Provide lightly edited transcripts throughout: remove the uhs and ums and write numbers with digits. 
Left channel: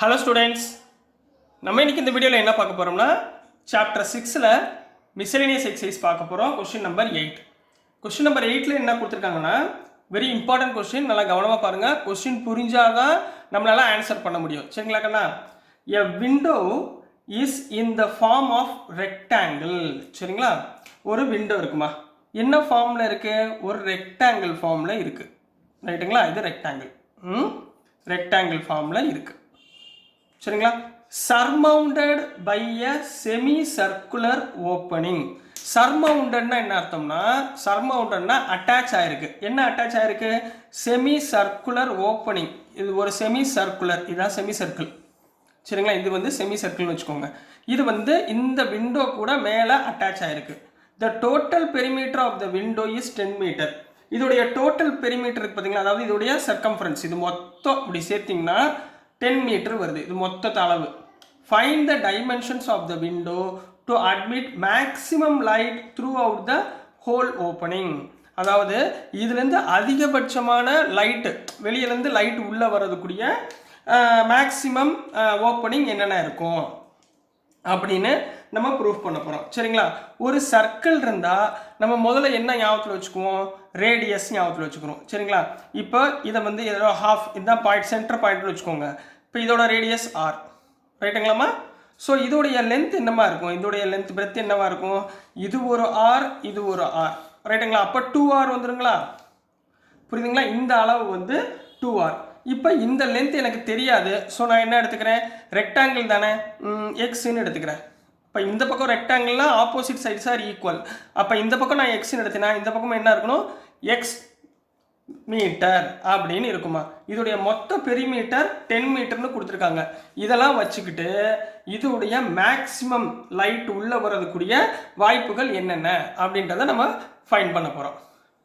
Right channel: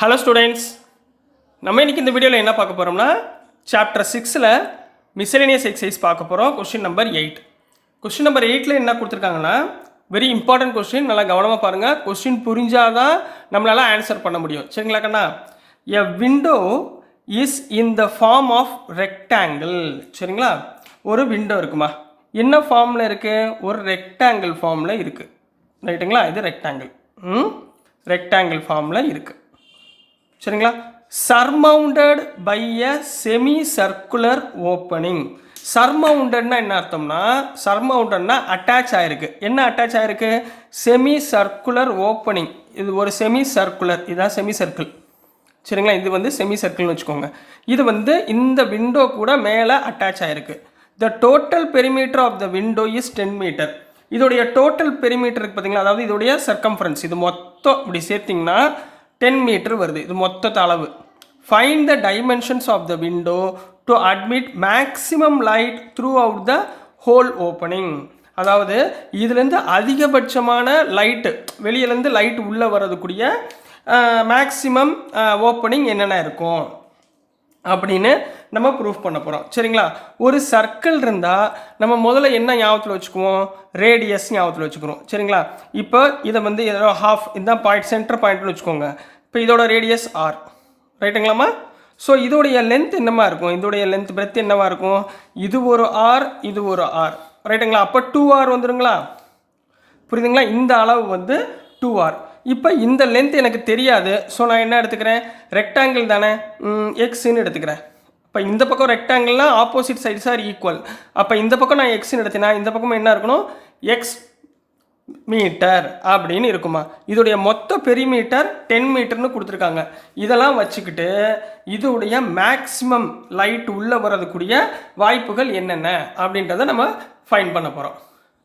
Hello students, நம்ம இன்றைக்கி இந்த வீடியோவில் என்ன பார்க்க போகிறோம்னா சாப்டர் 6ல் மிஸ்செலேனியஸ் எக்ஸசைஸ் பார்க்க போகிறோம். Question number 8. கொஸ்டின் நம்பர் 8ல் என்ன கொடுத்துருக்காங்கன்னா வெரி இம்பார்ட்டன்ட் கொஸ்டின். நல்லா கவனமாக பாருங்கள். கொஸ்டின் புரிஞ்சால் தான் நம்மளால் ஆன்சர் பண்ண முடியும். சரிங்களா கண்ணா? A window is in the form of rectangle. சரிங்களா? ஒரு விண்டோ இருக்குமா? என்ன ஃபார்மில் இருக்குது? ஒரு ரெக்டாங்கிள் ஃபார்மில் இருக்குது. ரைட்டுங்களா? இது ரெக்டாங்கிள். ரெக்டாங்கிள் ஃபார்மில் இருக்குது. சரிங்களா? Surmounted by a semi circular opening. சர்மவுண்டட்னா என்ன அர்த்தம்னா, சர்மவுண்டட்னா அட்டாச் ஆயிருக்கு. என்ன அட்டாச் ஆயிருக்கு? Semi circular opening. இது ஒரு செமி சர்க்குலர், இதுதான் செமி சர்க்கிள். சரிங்களா? இது வந்து செமி சர்க்கிள்னு வச்சுக்கோங்க. இது வந்து இந்த விண்டோ கூட மேலே அட்டாச் ஆயிருக்கு. The total perimeter of the window is 10 meter. இதோடைய டோட்டல் பெரிமீட்டர் இருக்கு பார்த்தீங்களா, அதாவது இதோடைய சர்க்கம்ஃபரன்ஸ், இது மொத்தம் இப்படி சேர்த்திங்கன்னா 10 மீட்டர் வருது. இது மொத்த அளவு. Find the dimensions of the window to admit maximum light throughout the whole opening. அதாவது இதுலேருந்து அதிகபட்சமான லைட்டு, வெளியிலேருந்து லைட் உள்ளே வரதுக்கூடிய மேக்ஸிமம் ஓப்பனிங் என்னென்ன இருக்கும் அப்படின்னு நம்ம ப்ரூஃப் பண்ண போகிறோம். சரிங்களா? ஒரு சர்க்கிள் இருந்தால் நம்ம முதல்ல என்ன ஞாபகத்தில் வச்சுக்குவோம்? ரேடியஸ் ஞாபகத்தில் வச்சுக்கிறோம். சரிங்களா? இப்போ இதை வந்து ஏதோ ஹாஃப், இதுதான் பாயிண்ட், சென்டர் பாயிண்ட்னு வச்சுக்கோங்க. இப்போ இதோட ரேடியஸ் ஆர். ரைட்டுங்களாம்மா? ஸோ இதோடைய லென்த் என்னமா இருக்கும்? இதோடைய லென்த் பிரெத் என்னவா இருக்கும்? இது ஒரு ஆர், இது ஒரு ஆர். ரைட்டுங்களா? அப்போ 2R வந்துடுங்களா? புரியுதுங்களா? இந்த அளவு வந்து 2R. இப்போ இந்த லென்த் எனக்கு தெரியாது. ஸோ நான் என்ன எடுத்துக்கிறேன்? ரெக்டாங்கிள் தானே, எக்ஸ்ன்னு எடுத்துக்கிறேன். இப்போ இந்த பக்கம் ரெக்டாங்கிள்னால் ஆப்போசிட் சைட்ஸ் ஆர் ஈக்குவல். அப்போ இந்த பக்கம் நான் எக்ஸ்ன்னு எடுத்தேன்னா இந்த பக்கம் என்ன இருக்கணும்? எக்ஸ் மீட்டர் அப்படின்னு இருக்குமா? இதோடைய மொத்த பெரிமீட்டர் 10 மீட்டர்னு கொடுத்துருக்காங்க. இதெல்லாம் வச்சுக்கிட்டு இதோடைய மேக்ஸிமம் லைட் உள்ளே வரதுக்கூடிய வாய்ப்புகள் என்னென்ன அப்படின்றத நம்ம ஃபைண்ட் பண்ண போகிறோம்.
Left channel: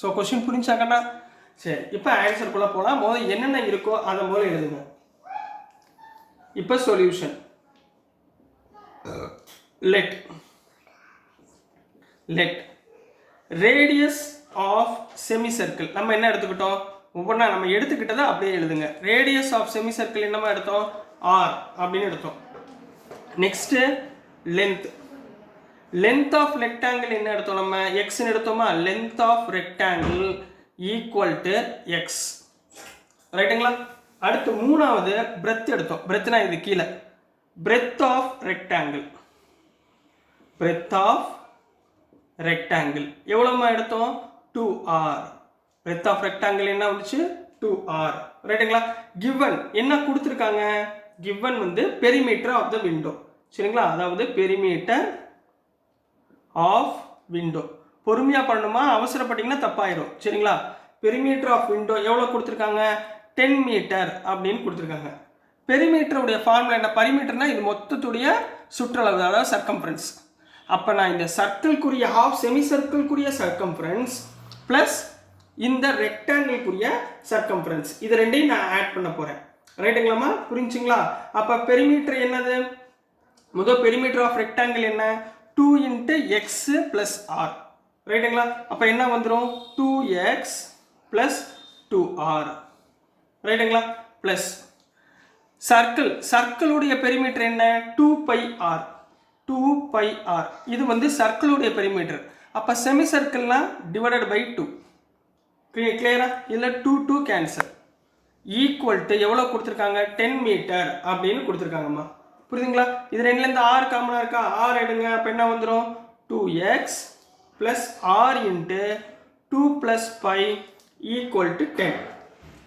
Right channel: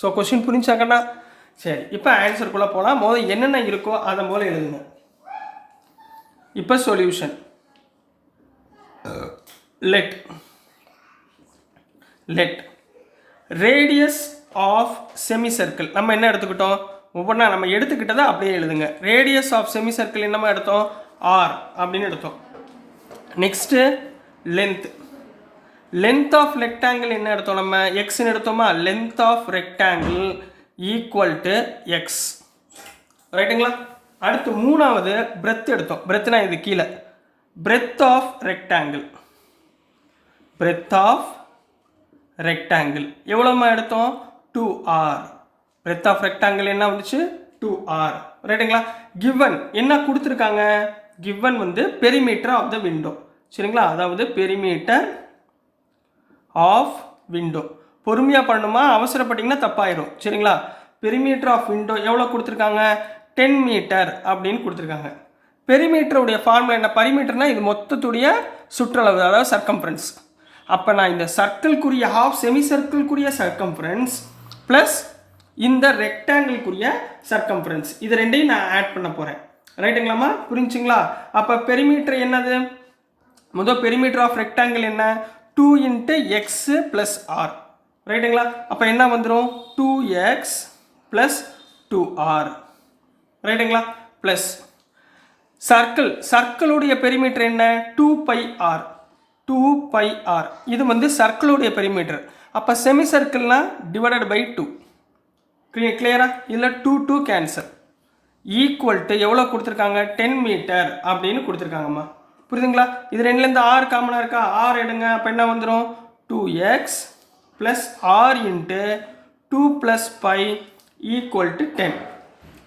ஸோ கொஸ்டின் புரிஞ்சாக்கண்ணா? சரி, இப்போ ஆன்சருக்குள்ளே போகலாம். முதல்ல என்னென்ன இருக்கோ அதை முதல்ல எழுதுங்க. இப்போ solution. Let radius of semi circle நம்ம என்ன எடுத்துக்கிட்டோம்? ஒவ்வொன்றா நம்ம எடுத்துக்கிட்டதை அப்படியே எழுதுங்க. ரேடியஸ் ஆஃப் செமி சர்க்கிள் என்னமா எடுத்தோம்? ஆர் அப்படின்னு எடுத்தோம். நெக்ஸ்ட்டு லென்த் ஆஃப் ரெக்டாங்கிள் என்ன எடுத்தோம்? நம்ம எக்ஸ்ன்னு எடுத்தோமா? Length of rectangle equal to x. ரைட்டுங்களா? அடுத்து மூணாவது பிரெத் எடுத்தோம். பிரெத்னா இது கீழே. பிரெத் ஆஃப் ரெக்டாங்கிள் எவ்வளோமா எடுத்தோம்? 2R. பிரெத் ஆஃப் ரெக்டாங்கிள் என்ன வந்துச்சு? 2R. ரைட்டுங்களா? கிவன் என்ன கொடுத்துருக்காங்க? கிவன் வந்து பெரிமீட்டர் ஆஃப் த விண்டோ. சரிங்களா? அதாவது பெரிமீட்டர் ஆஃப் விண்டோ. பொறுமையாக பண்ணணுமா? அவசரப்பட்டீங்கன்னா தப்பாயிரும். சரிங்களா? பெரிமீட்டர் ஆஃப் விண்டோ எவ்வளோ கொடுத்துருக்காங்க? 10 மீட்டர் அப்படின்னு கொடுத்துருக்காங்க. பெரிமீட்டருடைய ஃபார்முலா என்ன? பரிமீட்டர்னா இது மொத்தத்துடைய சுற்றளவு, அதாவது சர்க்கம்ஃபரன்ஸ். அப்போ நான் இந்த சர்க்கிள்குரிய ஹாஃப், செமி சர்க்கிள்குரிய சர்க்கம்ஃபரன்ஸ் ப்ளஸ் இந்த ரெக்டாங்கிள்குரிய சர்க்கம்ஃபரன்ஸ், இது ரெண்டையும் நான் ஆட் பண்ண போகிறேன். ரைட்டுங்களாம்மா? புரிஞ்சுங்களா? அப்போ பெரிமீட்டர் என்னது? முதல் பெரிமீட்டர் ஆஃப் ரெக்டாங்கிள் என்ன? 2 × x + r. ரைட்டுங்களா? அப்போ என்ன வந்துடும்? 2x + 2r. ரைட்டுங்களா? ப்ளஸ் சர்க்கிளுடைய பெரிமீட்டர் என்ன? 2πr. இது வந்து சர்க்கிளுடைய பெரிமீட்டர். அப்போ செமி சர்க்கிள்னா டிவைடட் பை 2. கிளியரா? இதில் 2 கேன்சல். ஈக்குவல் டு எவ்வளோ கொடுத்துருக்காங்க? 10 மீட்டர் அப்படின்னு கொடுத்துருக்காங்கம்மா. புரியுதுங்களா? இது ரெண்டுலேருந்து ஆர் காமனாக இருக்கா? ஆர் எடுங்க. அப்போ என்ன வந்துடும்? 2x + r × 2 + π = 10.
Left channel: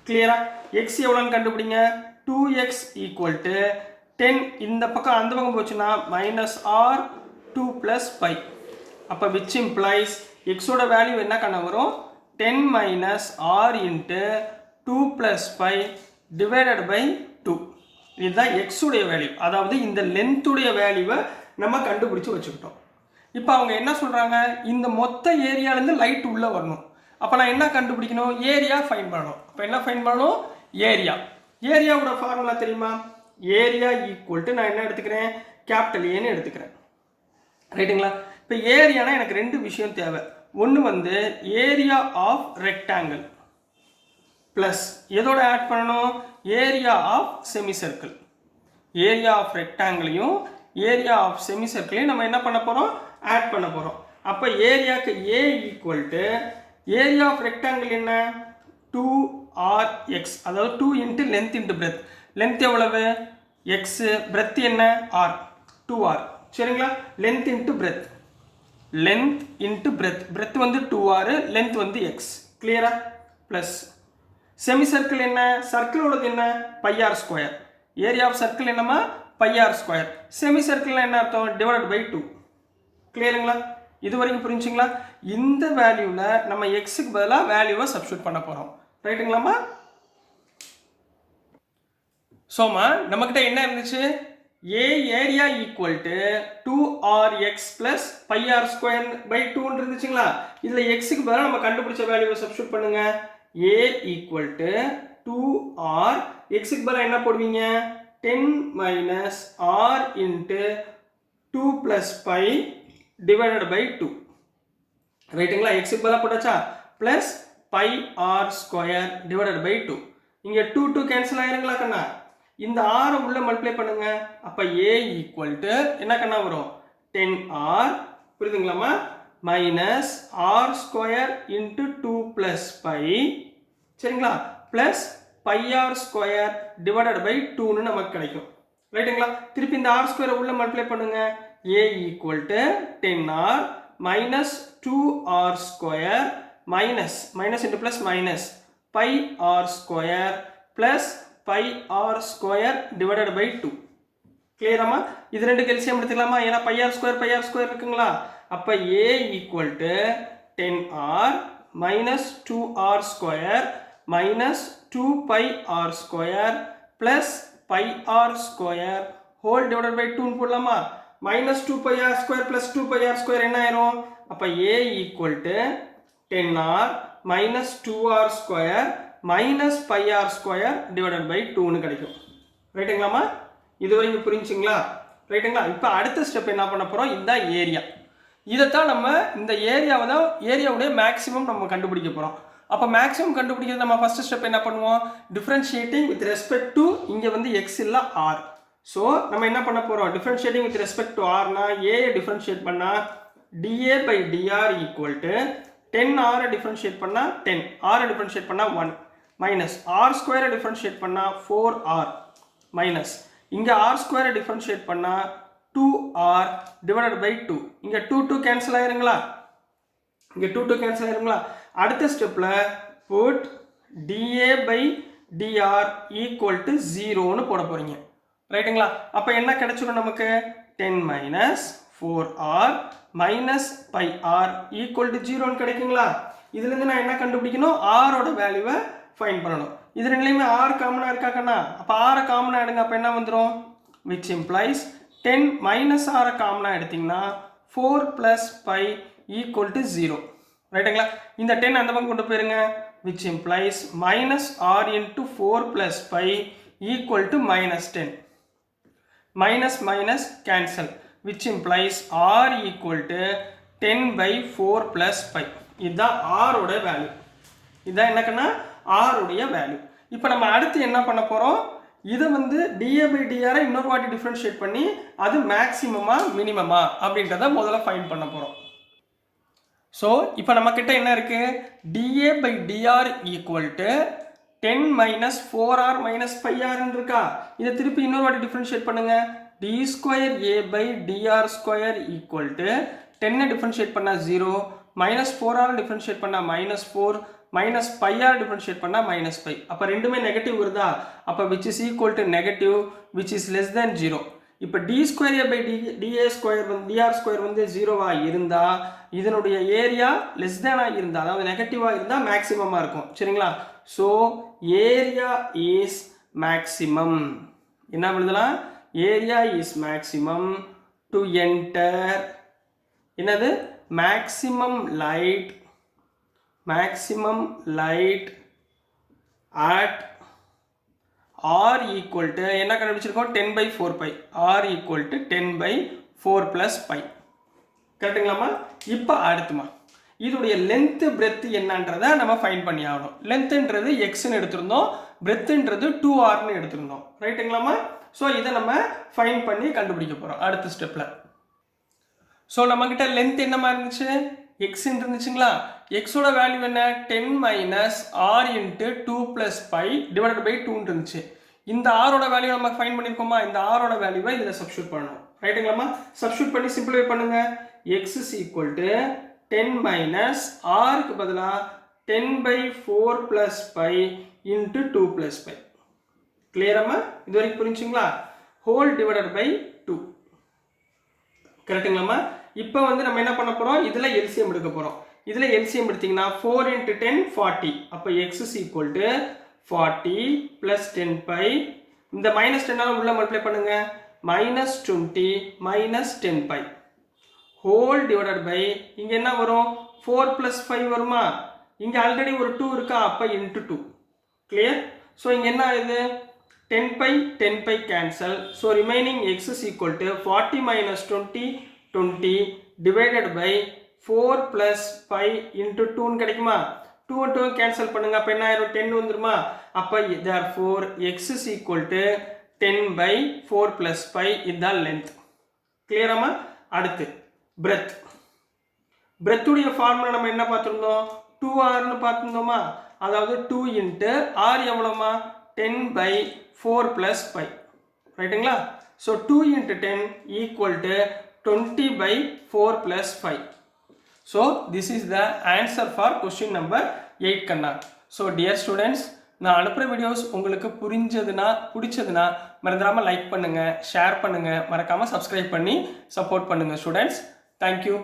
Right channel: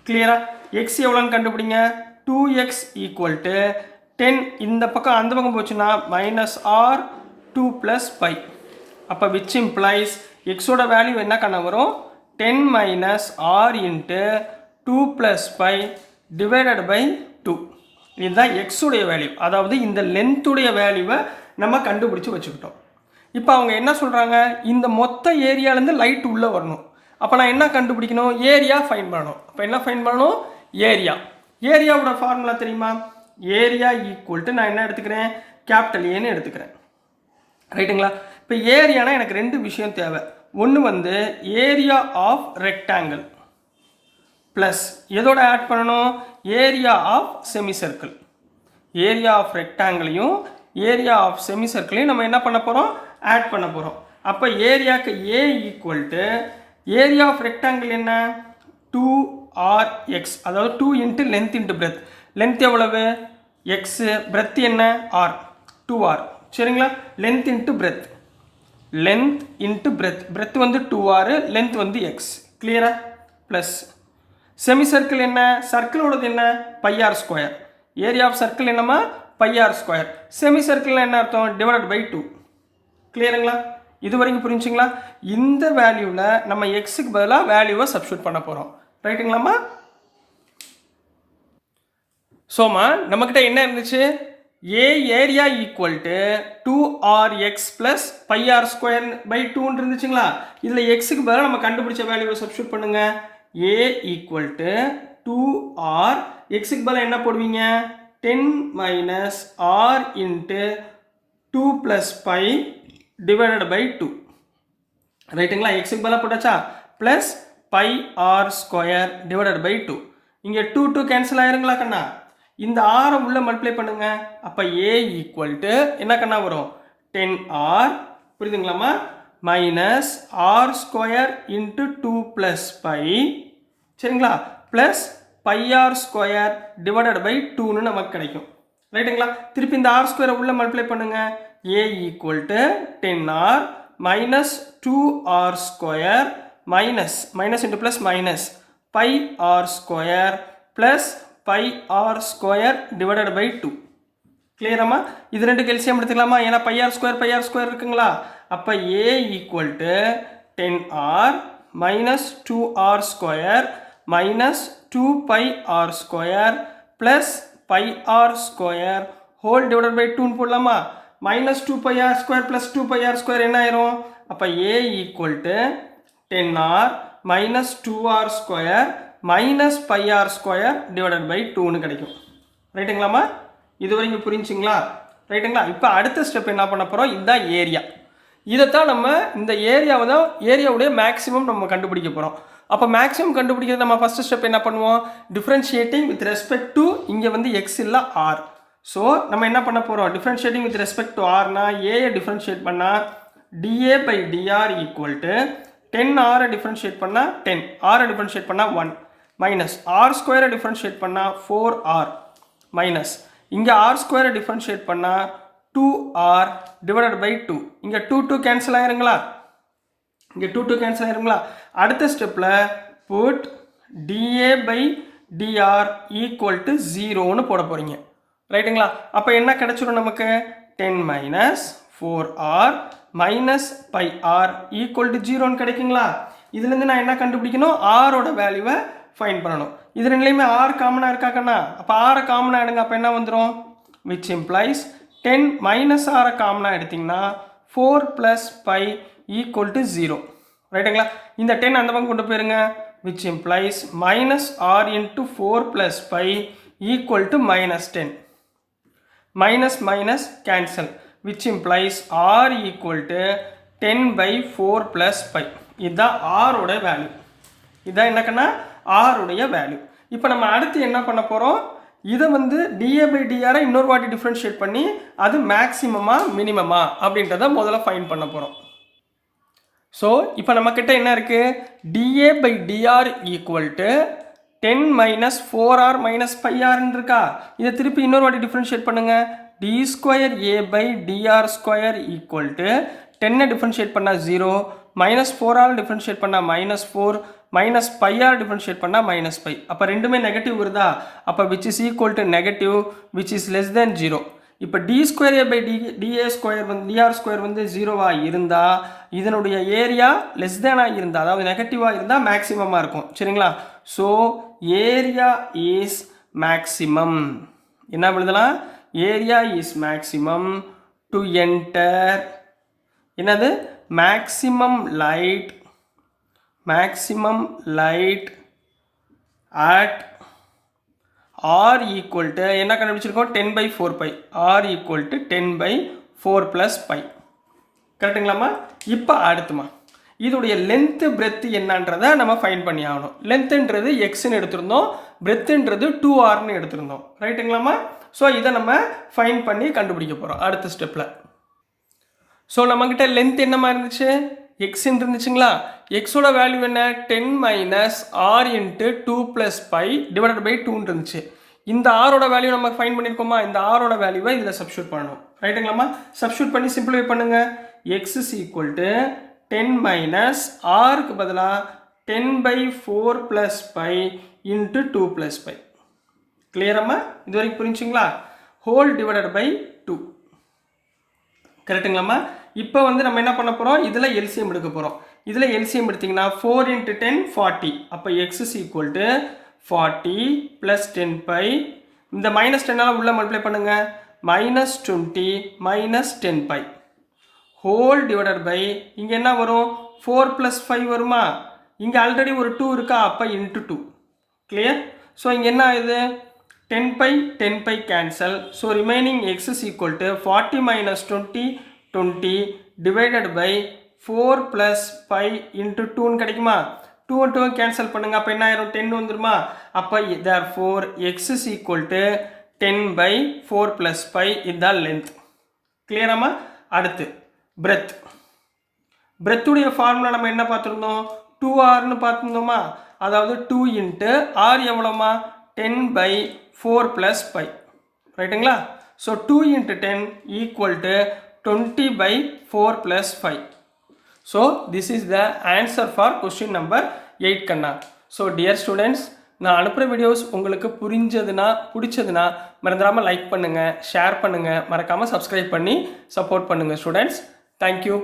கிளியரா? எக்ஸ் எவ்வளோன்னு கண்டுபிடிங்க. 2x = 10. இந்த பக்கம் அந்த பக்கம் போச்சுன்னா -r 2 + π. அப்போ விச் இம்ப்ளைஸ் எக்ஸோட வேல்யூ என்ன கண்ண வரும்? 10 - r × 2 + π டிவைடட் பை 2. இதுதான் எக்ஸுடைய வேல்யூ. அதாவது இந்த லென்த்துடைய வேல்யூவை நம்ம கண்டுபிடிச்சி வச்சுக்கிட்டோம். இப்போ அவங்க என்ன சொல்கிறாங்க? இந்த மொத்த ஏரியாலேருந்து லைட் உள்ளே வரணும். அப்போ நான் என்ன கண்டுபிடிக்கணும்? ஏரியா ஃபைண்ட் பண்ணணும். அப்போ என்ன ஃபைண்ட் பண்ணணும்? ஏரியாவோட ஃபார்முலா தெரியுமா? ஏரியா ஈக்குவல் டு நான் என்ன எடுத்துக்கிறேன்? கேபிட்டல் ஏன்னு எடுத்துக்கிறேன். ரைட்டுங்களா? இப்போ ஏரியானா எனக்கு ரெண்டு விஷயம் தேவை. ஒன்று வந்து ஏரியா ஆஃப் ரெக்டாங்கிள் ப்ளஸ் எதோட ஆட் பண்ணணும்? Area of semi circle. Area of ரெக்டாங்கிளையும் ஏரியா ஆஃப் செமி சர்க்கிளையும் நம்ம என்ன பண்ண போகிறோம், ஆட் பண்ண போகிறோம். அப்போ ஏரியாவுக்கு A equal to area of rectangle என்ன, 2rx, அதாவது 2 into length into breadth. Length எவ்வளவு, எக்ஸு, பிரெத் என்ன, ஆர், 2r. சரிங்களா, length into breadth, length into breadth, breadth வந்து 2r, லென்த் வந்து எக்ஸ். கிளியரா? ப்ளஸ் செமி சர்க்கிள் என்ன, சர்க்கிளோடது என்ன, πr square. Area of circle என்னமா, πr ஸ்கொயர். செமி சர்க்கிள் என்ன அர்த்தம், டிவைடட் பை 2. கிளியருங்களா? இது வரைக்கும் புரிஞ்சுங்களா? இந்த வேல்யூவில் நம்ம எக்ஸுக்கு பதிலாக வேல்யூவை சப்ஸ்டியூட் பண்ண போகிறோம். ரைட்டுங்களாம்மா? சோமா நம்மக்கிட்ட என்ன இருந்துச்சு, A area equal to 2rx plus πr square by 2 இருந்துச்சுங்களா? இதில் எக்ஸுக்கு பதிலாக நம்ம கண்டுபிடிச்ச வேல்யூவை சப்ஸ்டியூட் பண்ணுங்க. ஏ ஈக்குவல் டு 2r, எக்ஸுக்கு பதிலாக என்ன போடுவீங்க, 10 minus r into 2 plus pi divided by 2. ரைட்டுங்களா? எக்ஸுக்கு பதிலாக போட்டாச்சா, plus πr square divided by 2. இங்கே 2 கேன்சல் ஆயிருங்களா கண்ணா? இந்த ஆரை உள்ள மல்டிப்ளை பண்ணுங்க. அப்போ ஏ ஈக்குவல் டு என்ன கண்ணா வரும், 10r, புரியுதுங்களாமா, minus r square into 2 plus pi, சரிங்களா, plus πr square divided by 2ன்னு நமக்கு கிடைக்கும். ரைட்டுங்களா? திருப்பி இந்த ஆர் ஸ்கொயரை உள்ள மல்டிப்ளை பண்ணுங்க. A equal to 10r minus 2r square minus into plus minus pi r square plus pi r square divided by 2. Clear அம்மா? இது ரெண்டு LCM எடுத்துக்கலாமா? ஏன்னா pi r square இருக்குங்களா? அப்போ A equal to 10r minus 2r square minus 2 pi r square plus pi r square whole divided by 2 போடலாமா? minus 2 pi r square plus 2 pi r square என்ன ஆயிரும்? அப்போ A equal to 10r minus 2r square minus pi r square divided by 2ன்னு கிடைக்கும். ரைட்டுங்களாமா? இது வரைக்கும் புரிஞ்சுங்களா? ரைட்டுங்களா? இப்போ அடுத்த ஸ்டெப் என்ன பண்ண போகிறோம், இதுதான் ஏரியா. இதைத்தான் நம்ம இந்த ஏரியாவுடைய மேக்ஸிமம் நம்ம கண்டுபிடிக்க போகிறோம். அப்போ மேக்ஸிமம் கண்டுபிடிக்கிறது நம்ம ஃபஸ்ட்டு ஸ்டெப் என்ன பண்ணுவோம், டிஃப்ரென்ஷியேட்டிங் வித் ரெஸ்பெக்ட் டு இங்கே வந்து எக்ஸ் இல்லை ஆர். ஸோ நம்ம என்ன பண்ண போகிறோம், டிஃப்ரென்ஷியேட்டிங் வித் ரெஸ்பெக்ட் டு ஆர்னா ஏயை டிஃப்ரென்ஷியேட் பண்ணால் d A by d r equal to 10r differentiate பண்ணால் 10, ஆரை டிஃப்ரென்ஷியேட் பண்ணால் 1, மைனஸ் ஆர் ஸ்கொயரை டிஃப்ரென்ஷியேட் பண்ணால் 4r, மைனஸ் இங்கே ஆர் ஸ்கொயரை டிஃப்ரென்ஷியேட் பண்ணால் 2r டிவைடட் பை 2. இங்கே 2 கேன்சல் ஆயிருங்களா? இங்கே 2 கேன்சல் ஆயிருங்களா? அடுத்த ஸ்டெப்பில் put d A by d r equal to 0ன்னு போட போகிறீங்க. ரைட்டுங்களா? அப்போ என்ன கிடைச்சிடும் நமக்கு, 10 minus 4r minus pi r equal to 0ன்னு கிடைக்குங்களா? இதுலேருந்து நான் என்ன கண்டுபிடிக்கணும், ஆரோட வேல்யூவை ஃபைன் பண்ணணும். இது ரெண்டுலேயுமே ஆர் காமனாக இருக்காக்கண்ணா? அப்போ ஆரை காமனாக எடுங்க. அப்போ என்ன வந்துடும், விச் இம்ப்ளைஸ் 10 மைனஸ் ஆரை காமனாக எடுத்திங்கன்னா 4 ப்ளஸ் பை ஈக்குவல் டு 0. ரைட்டுங்களா? இந்த 10 அந்த பக்கம் கொண்டு போயிருங்க. Which implies minus r into 4 plus pi equal to minus 10. minus minus cancel, which implies r equal to 10 by 4 plus pi. இதுதான் r உட வேல்யூ. இதுதான் என்னக்கன்னா r உடைய வேல்யூ. இப்போ நம்ம அடுத்து என்ன பண்ண போகிறோம், இதை வந்து dA by dr இன்னொரு வாட்டி டிஃப்ரென்ஷியேட் பண்ணி அது மேக்ஸிமமா மினிமமா அப்படின்றத முதல்ல ஃபைண்ட் பண்ண போகிறோம். ஸோ இப்போ நம்மக்கிட்ட என்ன இருக்குது, dA by dr equal to 10 minus 4r minus 5rன்னு இருக்கா? இதை திருப்பி இன்னொரு வாட்டி டிஃப்ரென்ஷியேட் பண்ணுங்க. D square A by d r square equal to 10 differentiate பண்ணால் 0, மைனஸ் 4r டிஃப்ரென்ஷியேட் பண்ணால் மைனஸ் 4, மைனஸ் 5r டிஃப்ரென்ஷியேட் பண்ணால் மைனஸ் 5. அப்போ ரெண்டுமே நெகட்டிவ் வருதா? அப்போ which is equal to negative which is less than 0. இப்போ d square A by d A square வந்து d r square வந்து 0வாக இருந்தால் இதனுடைய ஏரியா லெஸ் தேனாக இருந்தால், அதாவது நெகட்டிவாக இருந்தால் மேக்ஸிமமாக இருக்கும். சரிங்களா? So area is maximum. என்ன எழுதலாம், area is maximum to enter என்னது, maximum light at r equal to என்ன கண்டுபிடிச்சிருக்கோம், 10 by 4 pi. r equal to 10 by 4 plus pi. கரெக்டுங்களாம்மா? இப்போ அடுத்துமா இதோடைய லென்த்து பிரெத்து என்னன்றதை நம்ம ஃபைன் பண்ணி ஆகணும். லென்த்துன்றது எக்ஸ்ன்னு எடுத்திருந்தோம், பிரெத்துன்றது 2rன்னு எடுத்திருந்தோம். ரைட்டுங்களாம்மா? ஸோ இதை நம்ம ஃபைண்ட் பண்ணி கண்டுபிடிக்க போகிறோம் அடுத்த ஸ்டெப்பில். ஸோ நம்மக்கிட்ட லென்த் என்னமா இருந்துச்சு, எக்ஸ்ன்னு இருந்துச்சுங்களா. எக்ஸோட வேல்யூ என்ன, 10 minus r into 2 plus pi divided by 2 இருந்துச்சு. இந்த ஆரோட வேல்யூ நம்ம ஃபைன் பண்ணியிருக்கோமா, இந்த ஆரோட வேல்யூவை இதில் சப்ஸ்டியூட் பண்ணணும். ரைட்டுங்களாம்மா. சப்ஸ்டியூட் பண்ணி சிம்பிளிஃபை பண்ணுங்க. X is equal to 10 minus ஆருக்கு பதிலாக 10/4 plus pi into 2 plus pi. கிளியரம்மா, இது வரைக்கும் புரிஞ்சுங்களா. Whole divided by 2. கரெக்டுங்களாம்மா. இப்போ வந்து நம்ம என்ன பண்ண போகிறோம், இதில் எல்சிஎம் எடுக்க போகிறோம். இதில் எல்சிஎம் எடுத்திங்கன்னா 4 × 10 40. அப்போ x is equal to 40 plus 10 pi, இந்த மைனஸ் 10 உள்ள மல்டிப்ளை பண்ணுங்க, minus 20 minus 10 pi whole divided by, இங்கே என்ன வரும் 4 ப்ளஸ் 5 வருமா, இங்கே ஆல்ரெடி ஒரு 2 இருக்கா, அப்போ இன்ட்டு 2. கிளியர். ஸோ இங்கே என்ன ஆகுது, 10 pi 10 pi cancel. So remaining x is equal to 40 minus 20 20 divided by 4 plus 5 into 2 கிடைக்குமா. 2 2 கேன்சல் பண்ணுங்க, அப்போ என்ன ஆயிரும் 10 வந்துருமா. அப்போ therefore X is equal to 10/4 plus 5 இதுதான் லென்த். கிளியராமா. அடுத்து பிரெத். பிரெத்துடைய ஃபார்முலா நம்ம என்ன பார்த்துருந்தோம், 2r பார்த்துருந்தோமா. அதாவது 2 இன்ட்டு r எவ்வளோமா, 10/4 ப்ளஸ் 5. ரைட்டுங்களா. So 2 into 10 equal to 20/4 plus 5. So this is the answer for question number 8 கண்ணா. ஸோ டியர் ஸ்டூடெண்ட்ஸ், நான் அனுப்புகிற வீடியோஸ் உங்களுக்கு பிடிச்சதுன்னா மறந்துடாமல் லைக் பண்ணுங்கள், ஷேர் பண்ணுங்கள், மறக்காமல் சப்ஸ்கிரைப் பண்ணி சப்போர்ட் பண்ணுங்கள் ஸ்டூடெண்ட்ஸ். தேங்க்யூ.